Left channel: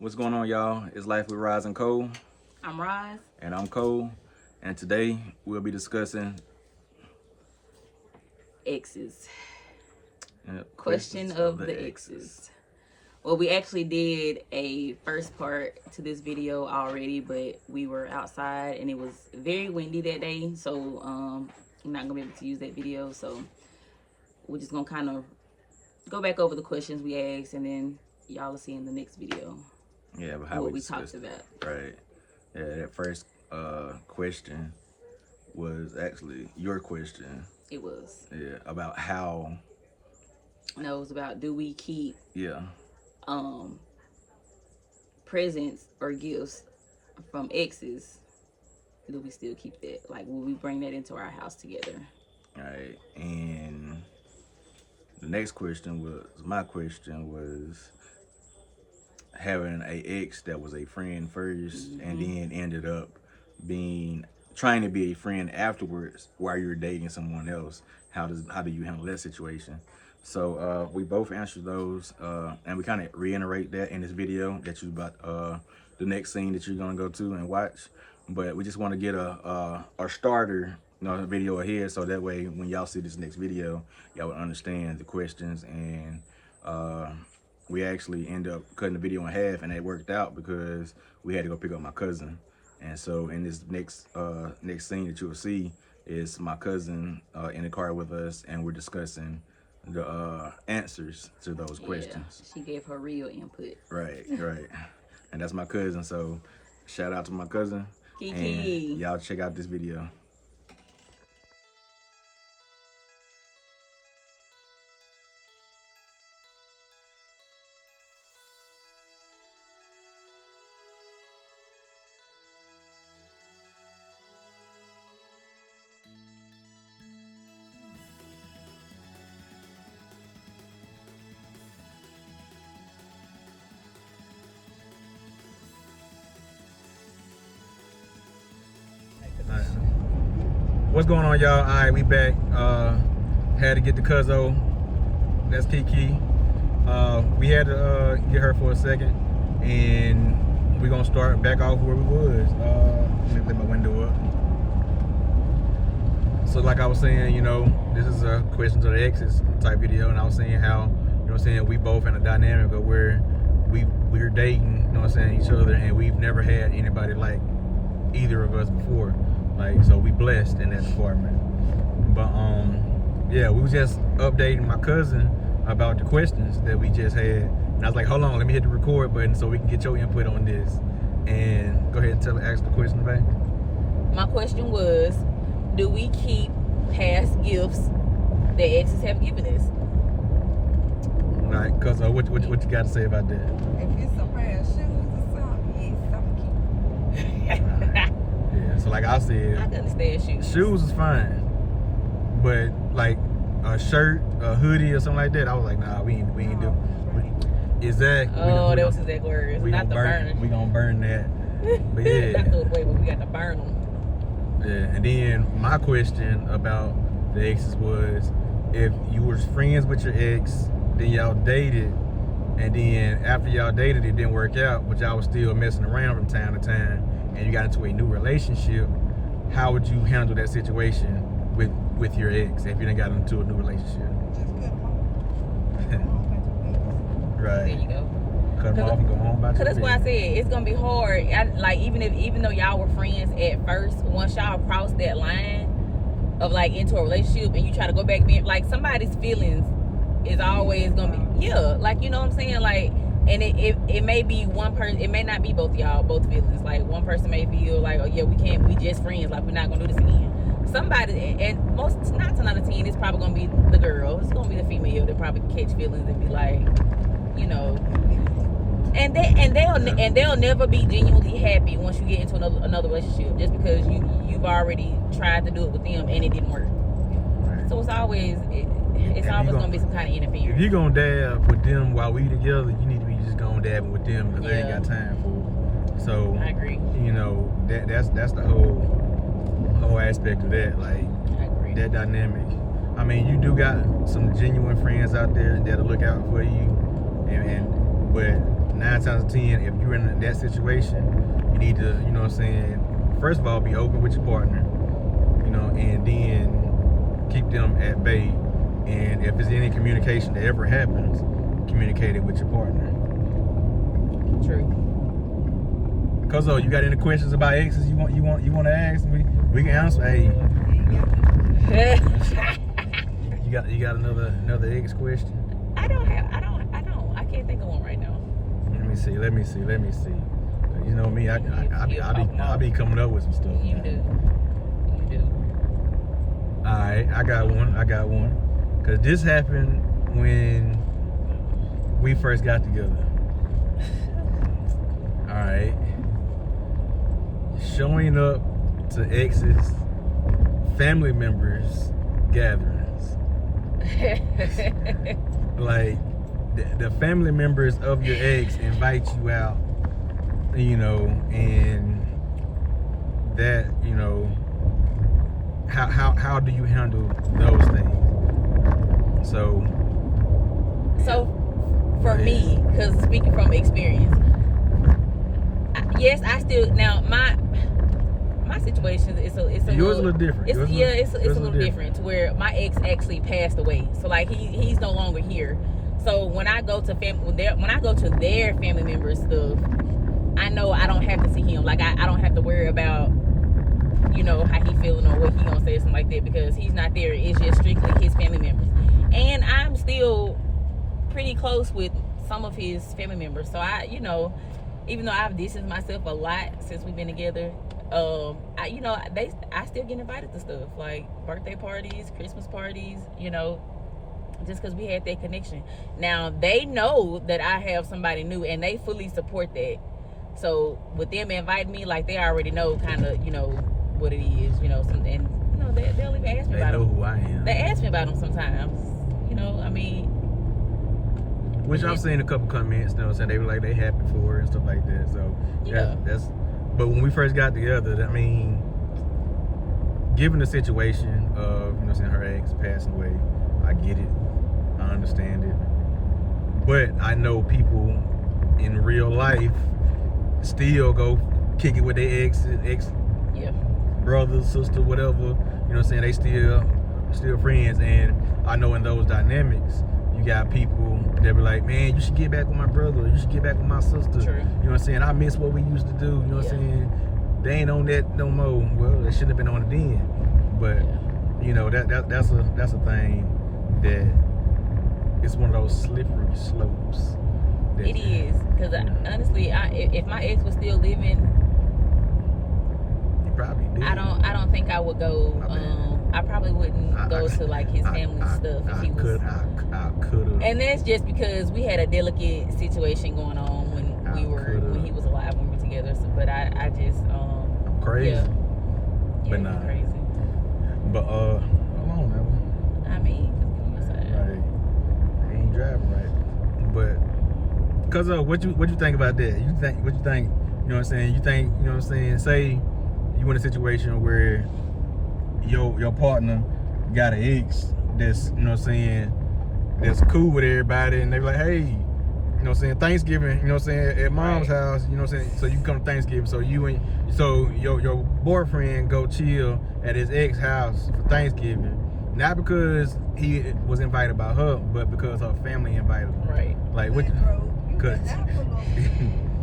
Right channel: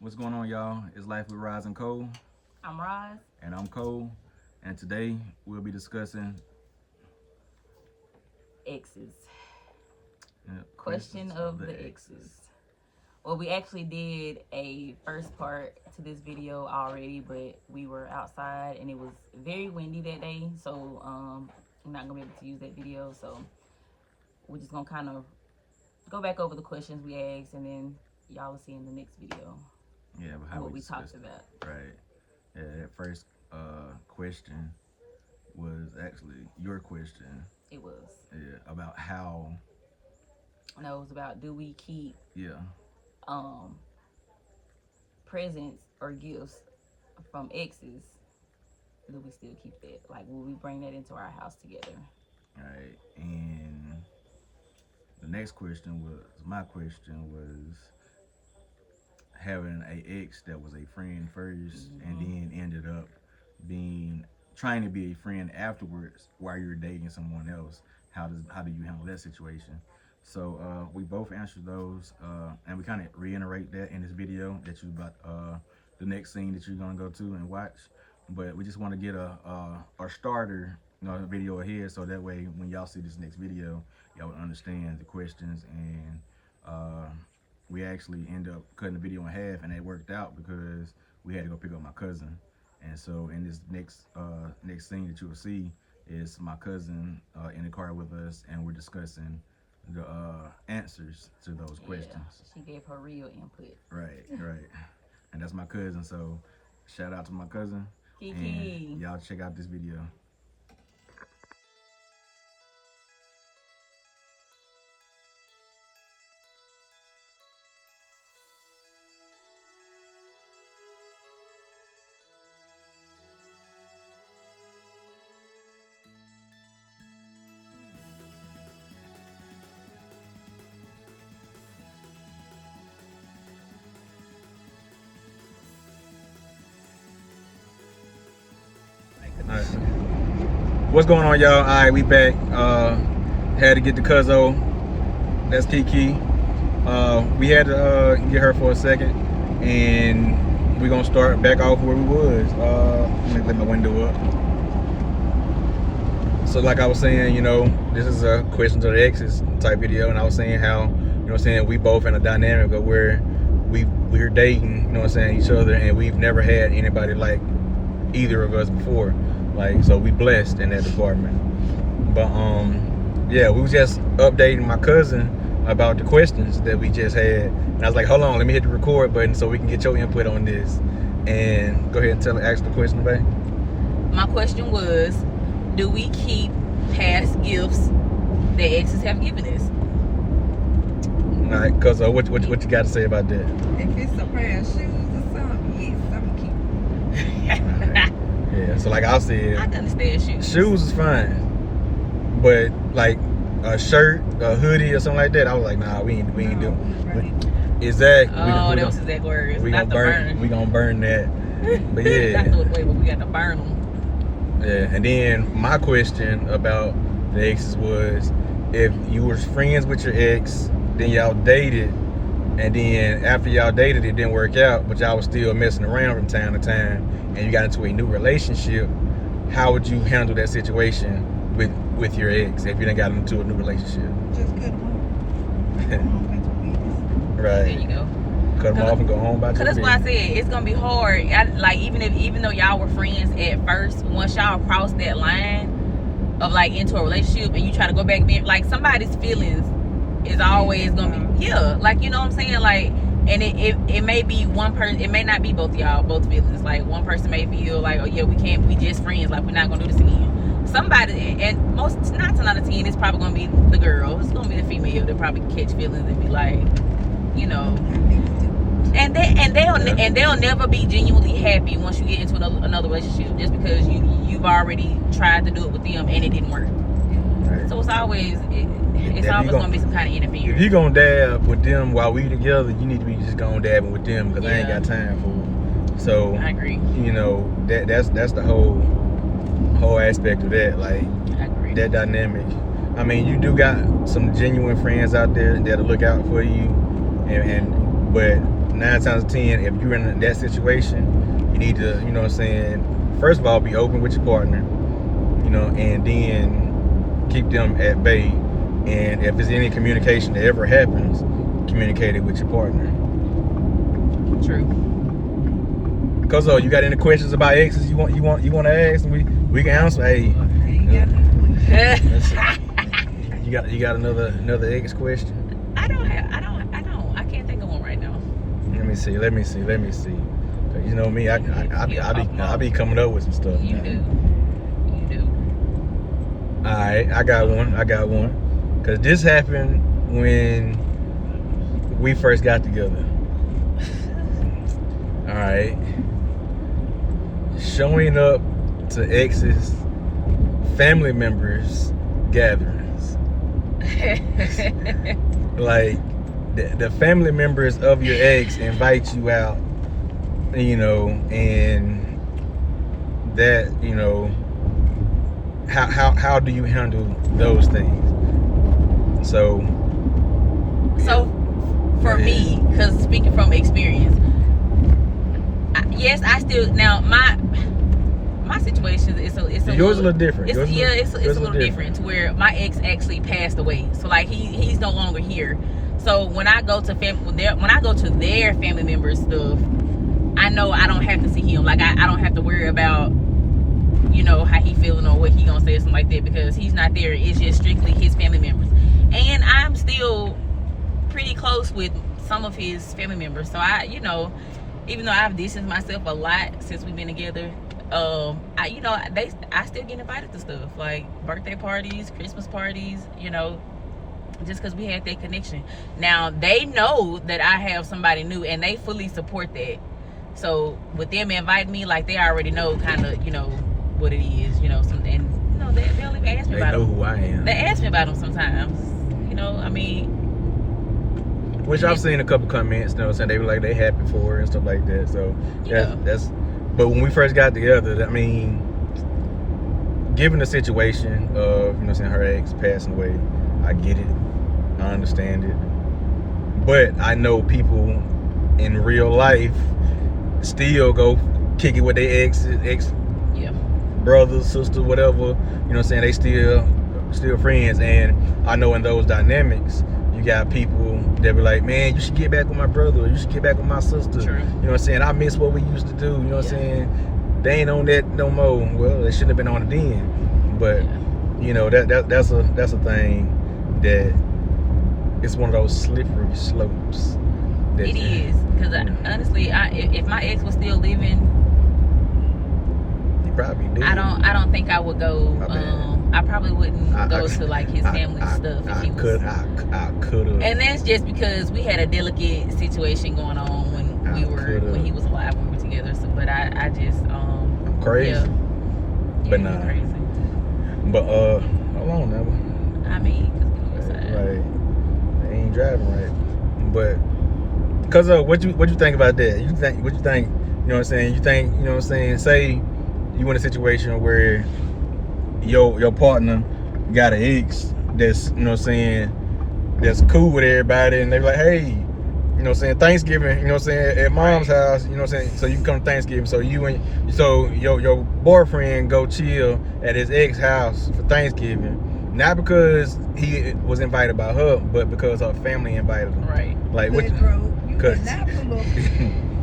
What's going on, y'all? It's Life with Roz and Cole. I'm Roz. And I'm Cole. And today we'll be discussing exes. Question of the exes. Well, we actually did a first part to this video already, but we were outside and it was very windy that day, so I'm not gonna be able to use that video. So we're just gonna kind of go back over the questions we asked, and then y'all will see in the next video. Yeah, but how what we talked about. Right. Yeah, that first question was actually your question. It was. Yeah, about how. No, it was about, do we keep Yeah. presents or gifts from exes? Do we still keep that? Like, will we bring that into our house together? Right. And the next question was, my question was, having a ex that was a friend first, and then ended up trying to be a friend afterwards while you're dating someone else. How do you handle that situation? So we both answered those, and we kind of reiterate that in this video that you about the next scene that you're gonna go to and watch. But we just want to get a starter video ahead, so that way when y'all see this next video, y'all will understand the questions. And we actually end up cutting the video in half, and it worked out because we had to go pick up my cousin. And so in this next scene that you'll see is my cousin in the car with us, and we're discussing the answers to those questions. She gave her real input. Right. And that's my cousin, so shout out to my cousin. Kiki. And y'all check out this video. Alright. What's going on, y'all? Alright, we back. Had to get the cuzzo. That's Kiki. We had to get her for a second, and we're gonna start back off where we was. Let me let my window up. So like I was saying, this is a question to the exes type video, and I was saying how, we both in a dynamic of where we're dating, each other, and we've never had anybody like either of us before. So we blessed in that department. But yeah, we was just updating my cousin about the questions that we just had, and I was like, hold on, let me hit the record button so we can get your input on this. And go ahead and ask the question, babe. My question was, do we keep past gifts that exes have given us? All right, cuz what you got to say about that? If it's a pair of shoes or something, yes, I'm gonna keep it. Yeah, so like I said, I can understand shoes. Shoes is fine, but like a shirt, a hoodie, or something like that, I was like, nah, we ain't do. Exactly. Oh, that was his exact words. We not gonna burn. We gonna burn that. But yeah. I know the way, but we got to burn them. Yeah, and then my question about the exes was, if you were friends with your ex, then y'all dated, and then after y'all dated, it didn't work out, but y'all was still messing around from time to time, and you got into a new relationship, how would you handle that situation with your ex if you done got into a new relationship? Just cut them off. Go home, back to business. Right. There you go. Cut them off and go home by Cause that's why I said it's gonna be hard. Even though y'all were friends at first, once y'all cross that line of into a relationship, and you try to go back, being somebody's feelings is always gonna be you know what I'm saying, and it may be one person, it may not be both feelings. One person may feel like, oh yeah, we just friends, we're not gonna do this again. Somebody, and most 9 times out of 10, it's probably gonna be the girl. It's gonna be the female that probably catch feelings and be like, and they'll never be genuinely happy once you get into another relationship, just because you've already tried to do it with them and it didn't work. Right. So it's always gonna be some kind of interference. If you gonna dab with them while we together, you need to be just gonna dabbing with them, because I ain't got time for them. So I agree. That's the whole aspect of that. I agree. That dynamic. I mean, you do got some genuine friends out there that'll look out for you, but 9 times out of 10, if you're in that situation, you need to, you know what I'm saying, first of all, be open with your partner, you know, and then keep them at bay. And if there's any communication that ever happens, communicate it with your partner. True. Cause you got any questions about exes you want to ask? We can answer. Hey, you got another ex question? I don't. I can't think of one right now. Let me see. 'Cause you know me, I be coming up with some stuff. You do. All right, I got one. Cause this happened when we first got together. All right. Showing up to exes, family members gatherings. Like the family members of your ex invite you out, you know, and that, you know, how do you handle those things? So for me, because speaking from experience, yes, I still now my situation is yours a little different. It's a little different to where my ex actually passed away. So like he's no longer here. So when I go to their family members stuff, I know I don't have to see him. Like I don't have to worry about, you know, how he feeling or what he gonna say or something like that, because he's not there. It's just strictly his family members. And I'm still pretty close with some of his family members. So I, you know, even though I've distanced myself a lot since we've been together, I still get invited to stuff like birthday parties, Christmas parties, you know, just because we had that connection. Now they know that I have somebody new and they fully support that. So with them inviting me, like they already know kind of, you know, what it is, you know, and you know, they'll even ask me about them. They know who I am. They ask me about them sometimes, you know, I mean. Which I've seen a couple comments, you know what I'm saying, they were like they happy for her and stuff like that. So that's but when we first got together, I mean, given the situation of, you know what I'm saying, her ex passing away, I get it. I understand it. But I know people in real life still go kick it with their ex brothers, sisters, whatever. You know what I'm saying? They still friends. And I know in those dynamics, you got people that be like, man, you should get back with my brother. You should get back with my sister. True. You know what I'm saying? I miss what we used to do. You know what I'm saying? They ain't on that no more. Well, they shouldn't have been on it then. But you know, that's a thing that it's one of those slippery slopes. It is, because honestly, if my ex was still living, he probably did. I don't think I would go. I probably wouldn't go to like his family stuff if he was. I could have. And that's just because we had a delicate situation going on when he was alive, when we were together. So, but I just I'm crazy. Yeah, but nah. crazy. But hold on now. I mean, they ain't driving right. But cause what you think about that? What you think? You know what I'm saying? You think, you know what I'm saying? Say you in a situation where your partner got an ex that's, you know what I'm saying, that's cool with everybody, and they be like, hey, you know what I'm saying, Thanksgiving, you know what I'm saying, at mom's house, you know what I'm saying, so you can come to Thanksgiving. So your boyfriend go chill at his ex house for Thanksgiving, not because he was invited by her, but because her family invited him. Right. Like what? You cannot pull up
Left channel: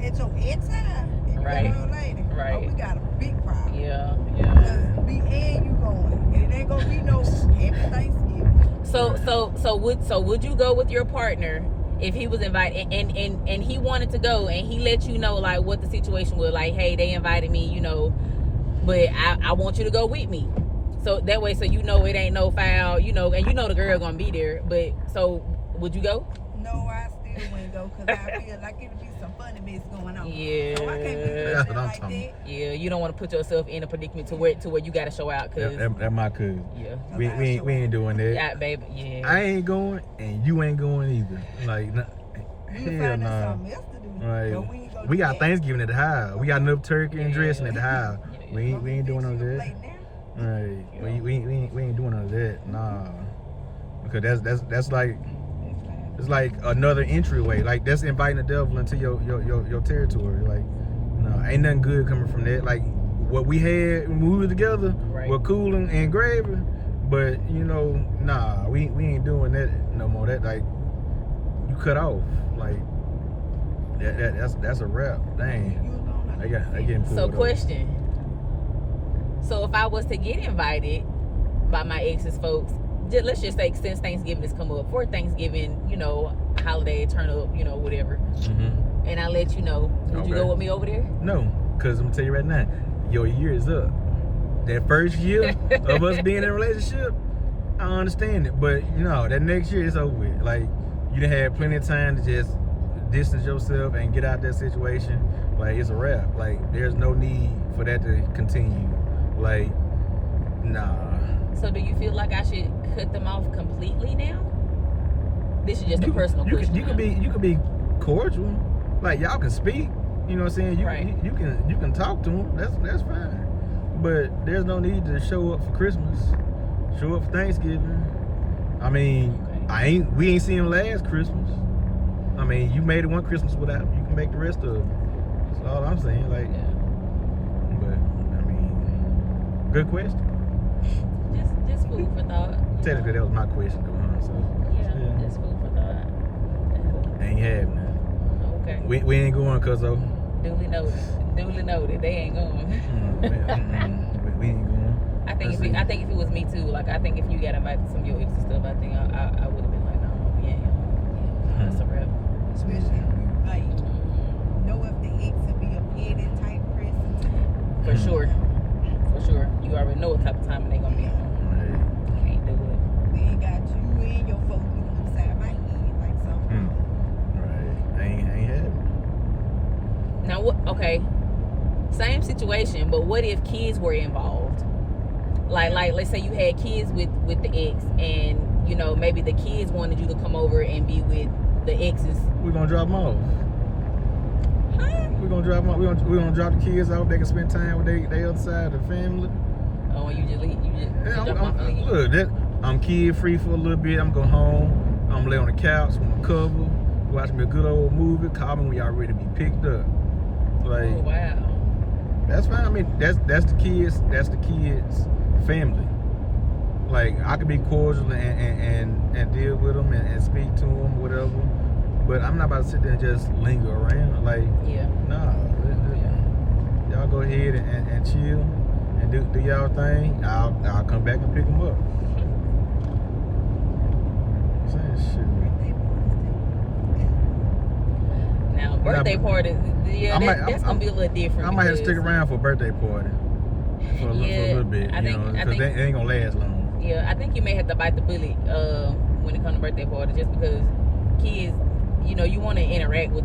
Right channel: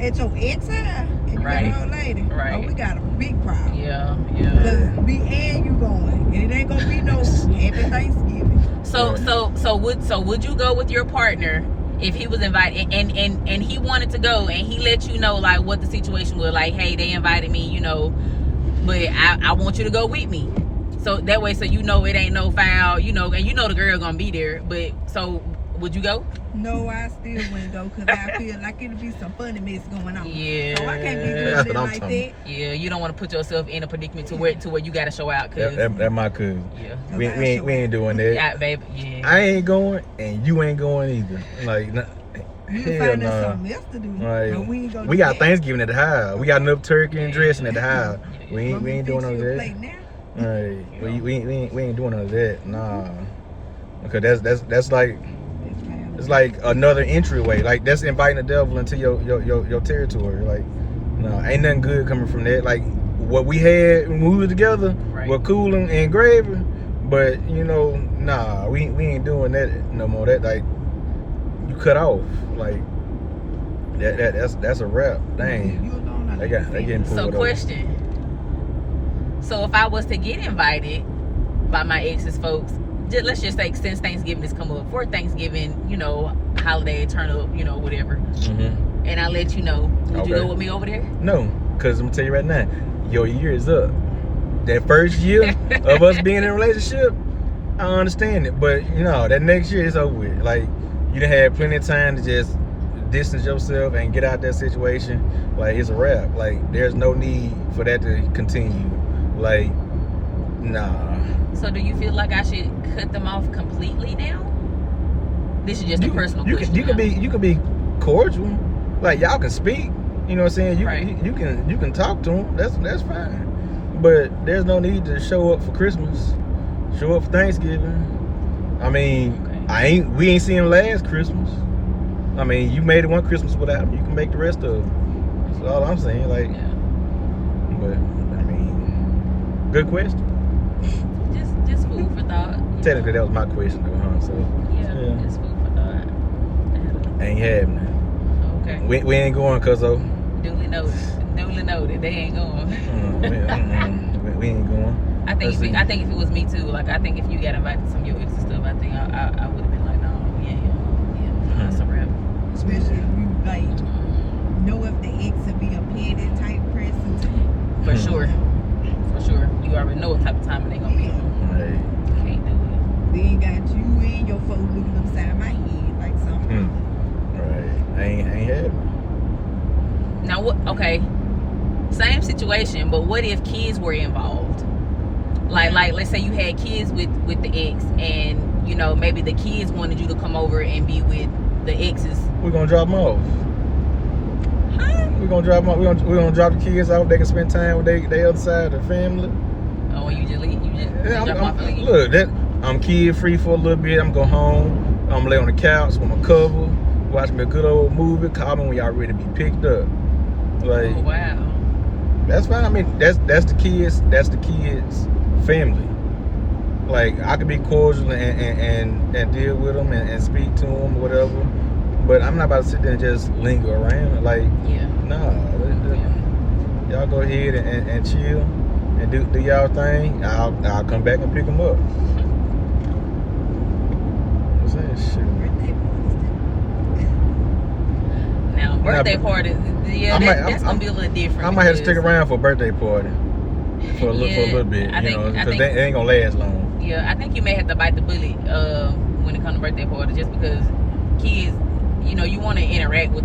at your ex house and you got an old lady. Right. Oh, we got a big problem. Yeah. Cause me and you going, and it ain't gonna be no happy Thanksgiving. So would you go with your partner if he was invited and he wanted to go and he let you know like what the situation was, like, hey, they invited me, you know, but I want you to go with me. So that way, so you know it ain't no foul, you know, and you know the girl gonna be there. But so would you go? No, I still wouldn't go because I feel like it'll be some funny mess going on. Yeah. So I can't be doing it like that. Yeah, you don't want to put yourself in a predicament to where you gotta show out. Cause That my cousin. Yeah. We ain't doing that. Yeah, baby. Yeah. I ain't going, and you ain't going either. Like, We can find us something else to do. Like, but we ain't gonna we do got that. Thanksgiving at the house. We got enough turkey and dressing at the house. We ain't doing none of that. Right. We ain't doing none of that. Nah. Because that's like it's like another entryway. Like that's inviting the devil into your territory. Like, no, ain't nothing good coming from that. Like what we had when we were together were cool and gravy, but you know, nah, we ain't doing that no more. That like you cut off. Like that's a wrap. Dang. They getting pulled So up. question. So if I was to get invited by my ex's folks, let's just say since Thanksgiving has come up, for Thanksgiving, you know, holiday, turn up, you know, whatever. Mm-hmm. And I let you know, would you go with me over there? No, because I'm gonna tell you right now, your year is up. That first year of us being in a relationship, I understand it. But you know, that next year is over with. Like you done had plenty of time to just distance yourself and get out that situation. Like it's a wrap. Like there's no need for that to continue. Like, nah. So do you feel like I should cut them off completely now? This is just a personal question. You can be cordial. Like y'all can speak. You know what I'm saying? You can talk to them. That's fine. But there's no need to show up for Christmas. Show up for Thanksgiving. I mean, we ain't seen him last Christmas. I mean, you made it one Christmas without him. You can make the rest of it. That's all I'm saying. Like, but I mean, good question. Just food for thought. Technically, that was my question, though, huh? So yeah, just food for thought. Ain't happening. Okay. We ain't going, cuzzo. Duly noted. They ain't going. We ain't going. I think if it was me too, like I think if you got invited to some of your exes stuff, I think I would have been like, no, yeah, that's a rep. Especially if you like know if the ex would be a petty type person too. For sure. You already know what type of time they gonna be. Right. Can't do it. Then got you and your folks looking upside my head like something. Right. Ain't happening. Now what? Okay. Same situation, but what if kids were involved? Like let's say you had kids with the ex, and you know maybe the kids wanted you to come over and be with the exes. We're gonna drop them off. Huh? We're gonna drop them off. We're gonna drop the kids off. They can spend time with their other side of the family. Oh, and you just leave? You just drop them off and leave? Look, I'm kid free for a little bit. I'm gonna go home. I'm gonna lay on the couch with my cover, watch me a good old movie. Call me when y'all ready to be picked up. Like, oh, wow. That's fine. I mean, that's the kids. That's the kids' family. Like, I could be cordial and deal with them and speak to them, whatever. But I'm not about to sit there and just linger around. Like, nah. Y'all go ahead and chill and do y'all thing. I'll come back and pick them up. What's that shit? Birthday parties too. Now, birthday parties, that's gonna be a little different. I might have to stick around for a birthday party for a little bit, because they ain't gonna last long. Yeah, I think you may have to bite the bullet when it comes to birthday parties, just because kids, you know, you want to interact with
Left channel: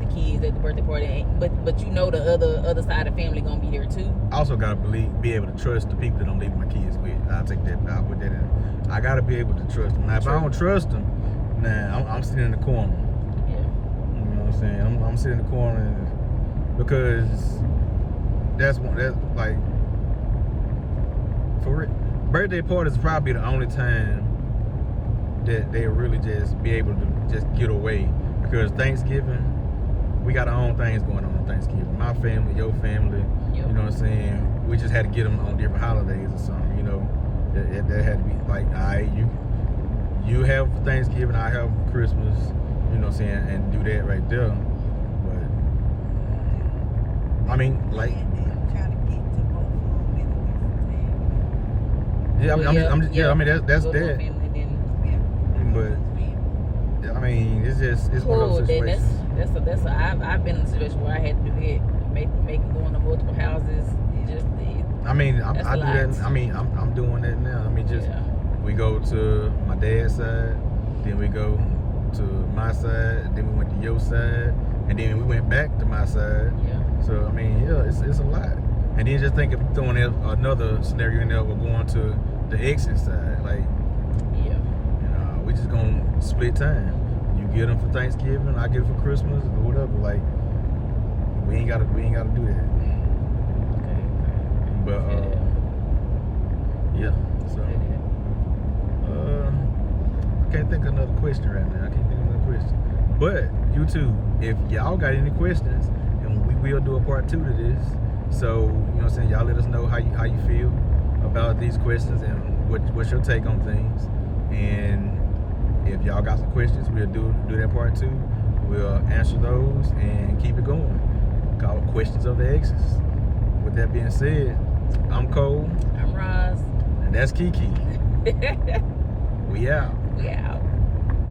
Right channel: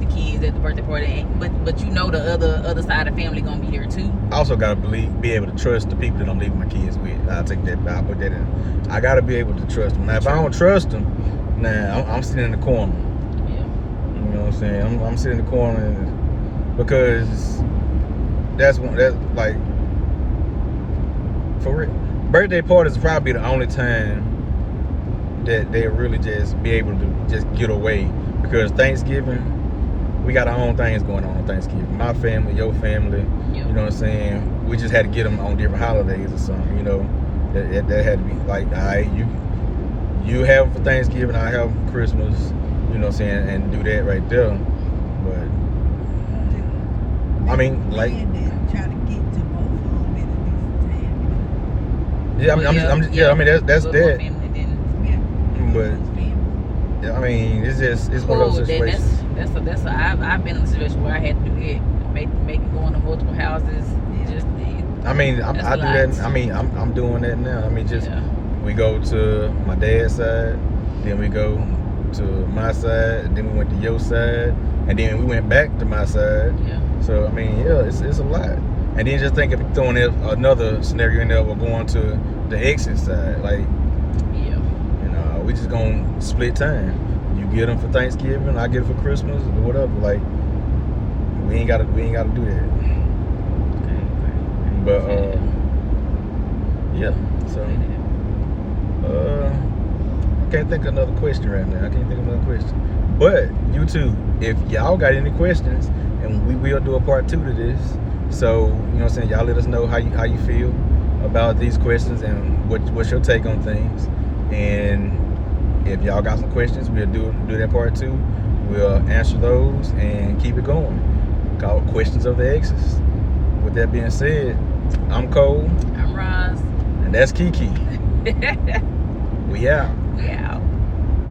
the kids at the birthday party, but you know the other side of the family gonna be there too. I also gotta be able to trust the people that I'm leaving my kids with. I'll put that in. I gotta be able to trust them. Now, if I don't trust them, I'm sitting in the corner. You know what I'm saying? I'm sitting in the corner because that's like, for real. Birthday parties is probably the only time that they really just be able to just get away, because Thanksgiving, we got our own things going on Thanksgiving. My family, your family, you know what I'm saying? We just had to get them on different holidays or something, you know? That had to be like, all right, you have for Thanksgiving, I have for Christmas, you know what I'm saying, and do that right there. But I mean, like, try to get to both of them at a decent time. I mean, that's that. But I mean, it's one of those situations. I've been in a situation where I had to do that, make it go into multiple houses. I mean, I do that. I mean, I'm doing that now. I mean, we go to my dad's side, then we go to my side, then we went to your side, and then we went back to my side. So I mean, it's a lot. And then just think if you're throwing another scenario in there, we're going to the exit side, like, you know, we just gonna split time. You get them for Thanksgiving, I get them for Christmas, or whatever. Like, we ain't gotta do that. But yeah, so can't think of another question right now. I can't think of another question. But YouTube, if y'all got any questions, and we will do a part 2 to this. So, you know what I'm saying, y'all let us know how you feel about these questions and what's your take on things. And if y'all got some questions, we'll do that part 2. We'll answer those and keep it going. Call it Questions of the Exes. With that being said, I'm Cole. I'm Roz. And that's Kiki. We out. We out.